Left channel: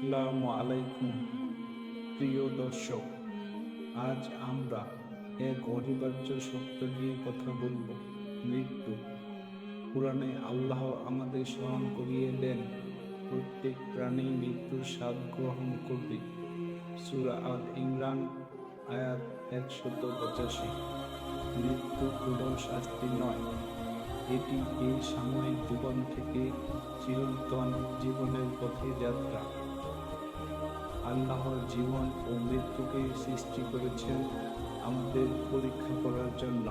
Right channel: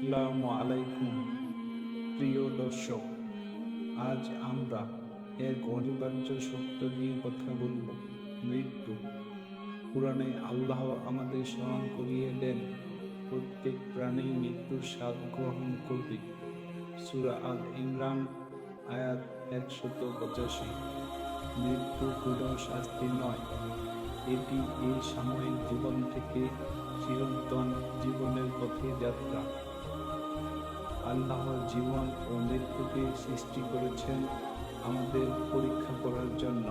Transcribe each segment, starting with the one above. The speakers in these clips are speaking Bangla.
আসসালামু আলাইকুম প্রিয় দর্শক। আজ আমরা এক অনিবার্য সত্য নিয়ে কথা বলব, মৃত্যু। কুরআনে আল্লাহ আমাদের স্মরণ করিয়ে দেন, প্রত্যেক প্রাণী মৃত্যুর স্বাদ গ্রহণ করবে। সূরা আল ইমরান আয়াত 185। মৃত্যু কোনো শাস্তি নয়, এটি এই সাময়িক জীবন থেকে চিরন্তন জীবনের পথে যাত্রা। আল্লাহ জীবন ও মৃত্যুকে সৃষ্টি করেছেন আমাদের পরীক্ষা করার জন্য।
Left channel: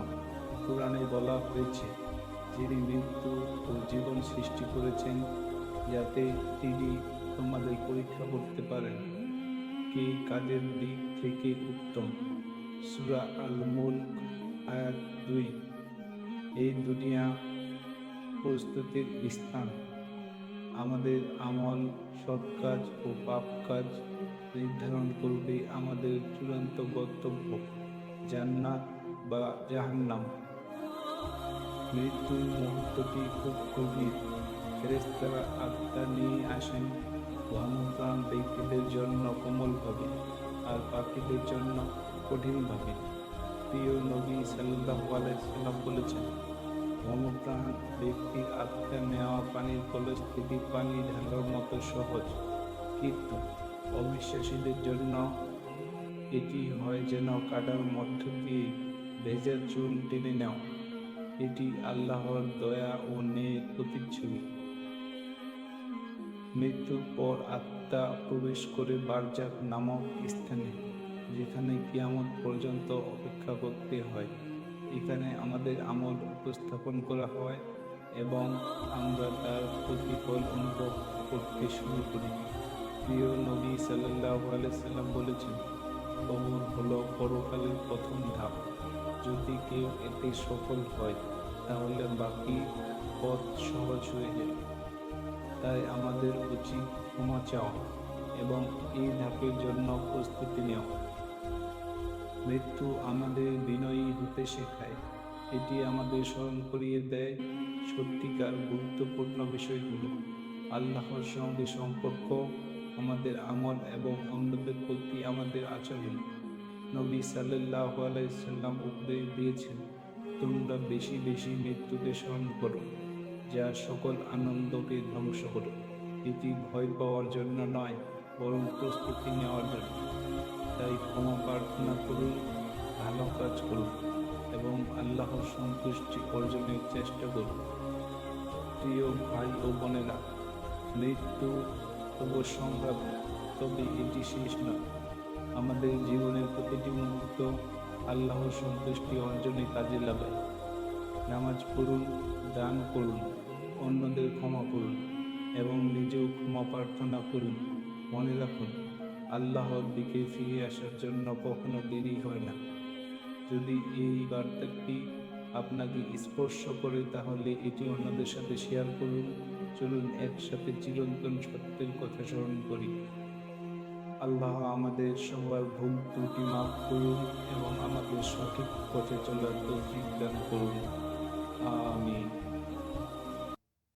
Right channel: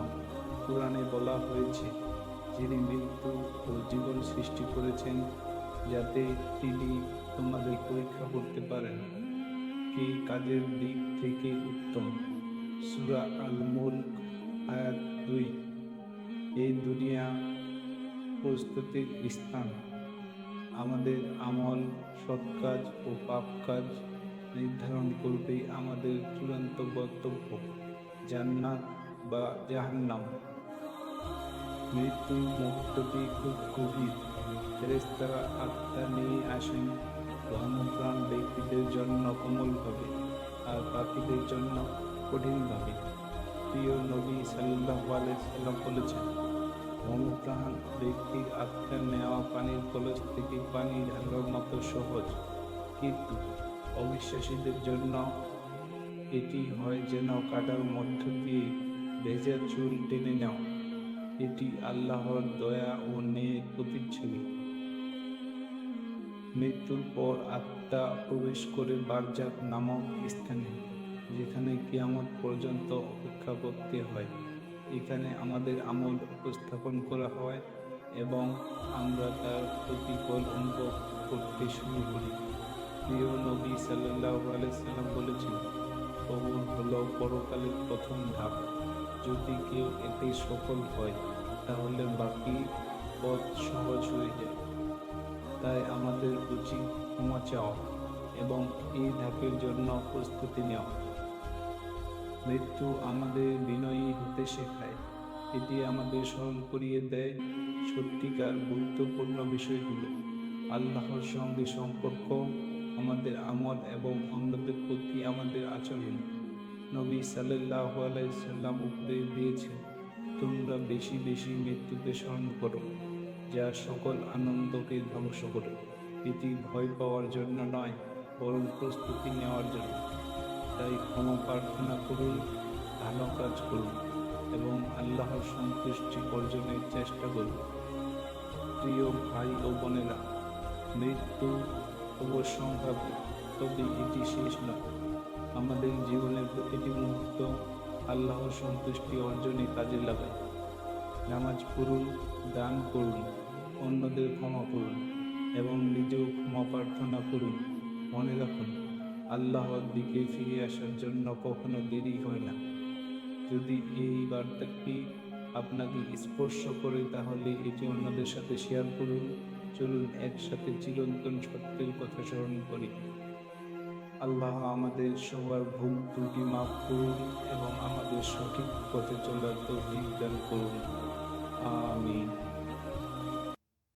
কোরআনে বলা হয়েছে, যিনি মৃত্যু ও জীবন সৃষ্টি করেছেন যাতে তিনি তোমাদের পরীক্ষা করতে পারেন কে কাজের দিক থেকে উত্তম। সূরা আল মুলক আয়াত 2। এই দুনিয়া প্রস্তুতির স্থান। আমাদের আমল, সৎ কাজ ও পাপ কাজ নির্ধারণ করবে আমাদের চূড়ান্ত গন্তব্য, জান্নাত বা জাহান্নাম। মৃত্যুর মুহূর্তটি খুব গভীর। ফেরেশতারা আত্মা নিয়ে আসেন। ধর্মপ্রাণ ব্যক্তিদের জন্য কোমল হবে, আর পাপীদের জন্য কঠিন হবে। প্রিয় নবী সাল্লাল্লাহু আলাইহি সাল্লাম বলেছেন, ধর্মপ্রাণ ব্যক্তির আত্মা নেওয়া পানির কলস থেকে পানি ঢালার মতো সহজ, কিন্তু অবিশ্বাসীদের জন্য এটি হয় যেন কাটার মধ্য দিয়ে ভেজা চুল টেনে নেওয়া। এটি আল্লাহর দয়া ও ন্যায়ের প্রতিচ্ছবি। মৃত্যুর পর আত্মা প্রবেশ করে বারজাক নামক স্থানে, যেখানে কিয়ামত পর্যন্ত অপেক্ষা করতে হয়। এখানে আমাদের আমল উপস্থাপন করা হয় এবং আমরা তার প্রতিফল অনুভব করতে শুরু করি। প্রিয় নবী সাল্লাল্লাহু আলাইহি সাল্লাম বলেছেন, কবর হলো পরকালের প্রথম ধাপ। যদি কেউ এতে সফল হয় তাহলে বাকি পথ সহজ হয়ে যায়। তাই আমাদের উচিত ক্ষমা চাওয়া এবং এই ধাপের জন্য প্রস্তুতি নেওয়া। মৃত্যু আমাদের বিনয়ী হতে শেখায়। এটি আমাদের স্মরণ করিয়ে দেয় সত্যিকার গুরুত্বপূর্ণ বিষয়গুলো, আল্লাহর সঙ্গে সম্পর্ক, আমাদের আমল এবং অন্যদের প্রতি আমাদের আচরণ। নবী সাল্লাল্লাহু আলাইহি সাল্লাম উপদেশ দিয়েছেন, তোমরা বেশি বেশি মৃত্যুকে স্মরণ করো, যা সকল আনন্দকে ধ্বংস করে। এটি ভয় পাওয়ার জন্য নয়, বরং প্রস্তুতি নেওয়ার জন্য। তাই ক্ষমা প্রার্থনা করুন, ভালো কাজ করুন এবং আল্লাহর সন্তুষ্টি অর্জনের চেষ্টা করুন। প্রিয় ভাই ও বোনেরা, মৃত্যু অবশ্যম্ভাবী, তবে এটি শেষ নয়। আমাদের জীবনের প্রতিটি মুহূর্ত আল্লাহর সন্তুষ্টি অর্জনে কাজে লাগান। নামাজ পড়ুন, দান করুন, অন্যদের ক্ষমা করুন এবং নিজেও ক্ষমা প্রার্থনা করুন। মনে রাখুন, আল্লাহর দিকে ফিরে আসার জন্য কখনো দেরি হয় না। যদি এই বার্তাটি আপনাকে স্পর্শ করে তাহলে এটি অন্যদের সাথে শেয়ার করুন। চলুন একসাথে চিরন্তন সত্যের কথা স্মরণ করি। আল্লাহ আমাদের সবার ভুল ত্রুটি মাফ করুন এবং আমাদের সঠিক পথে চলার তৌফিক দান করুন। আমিন।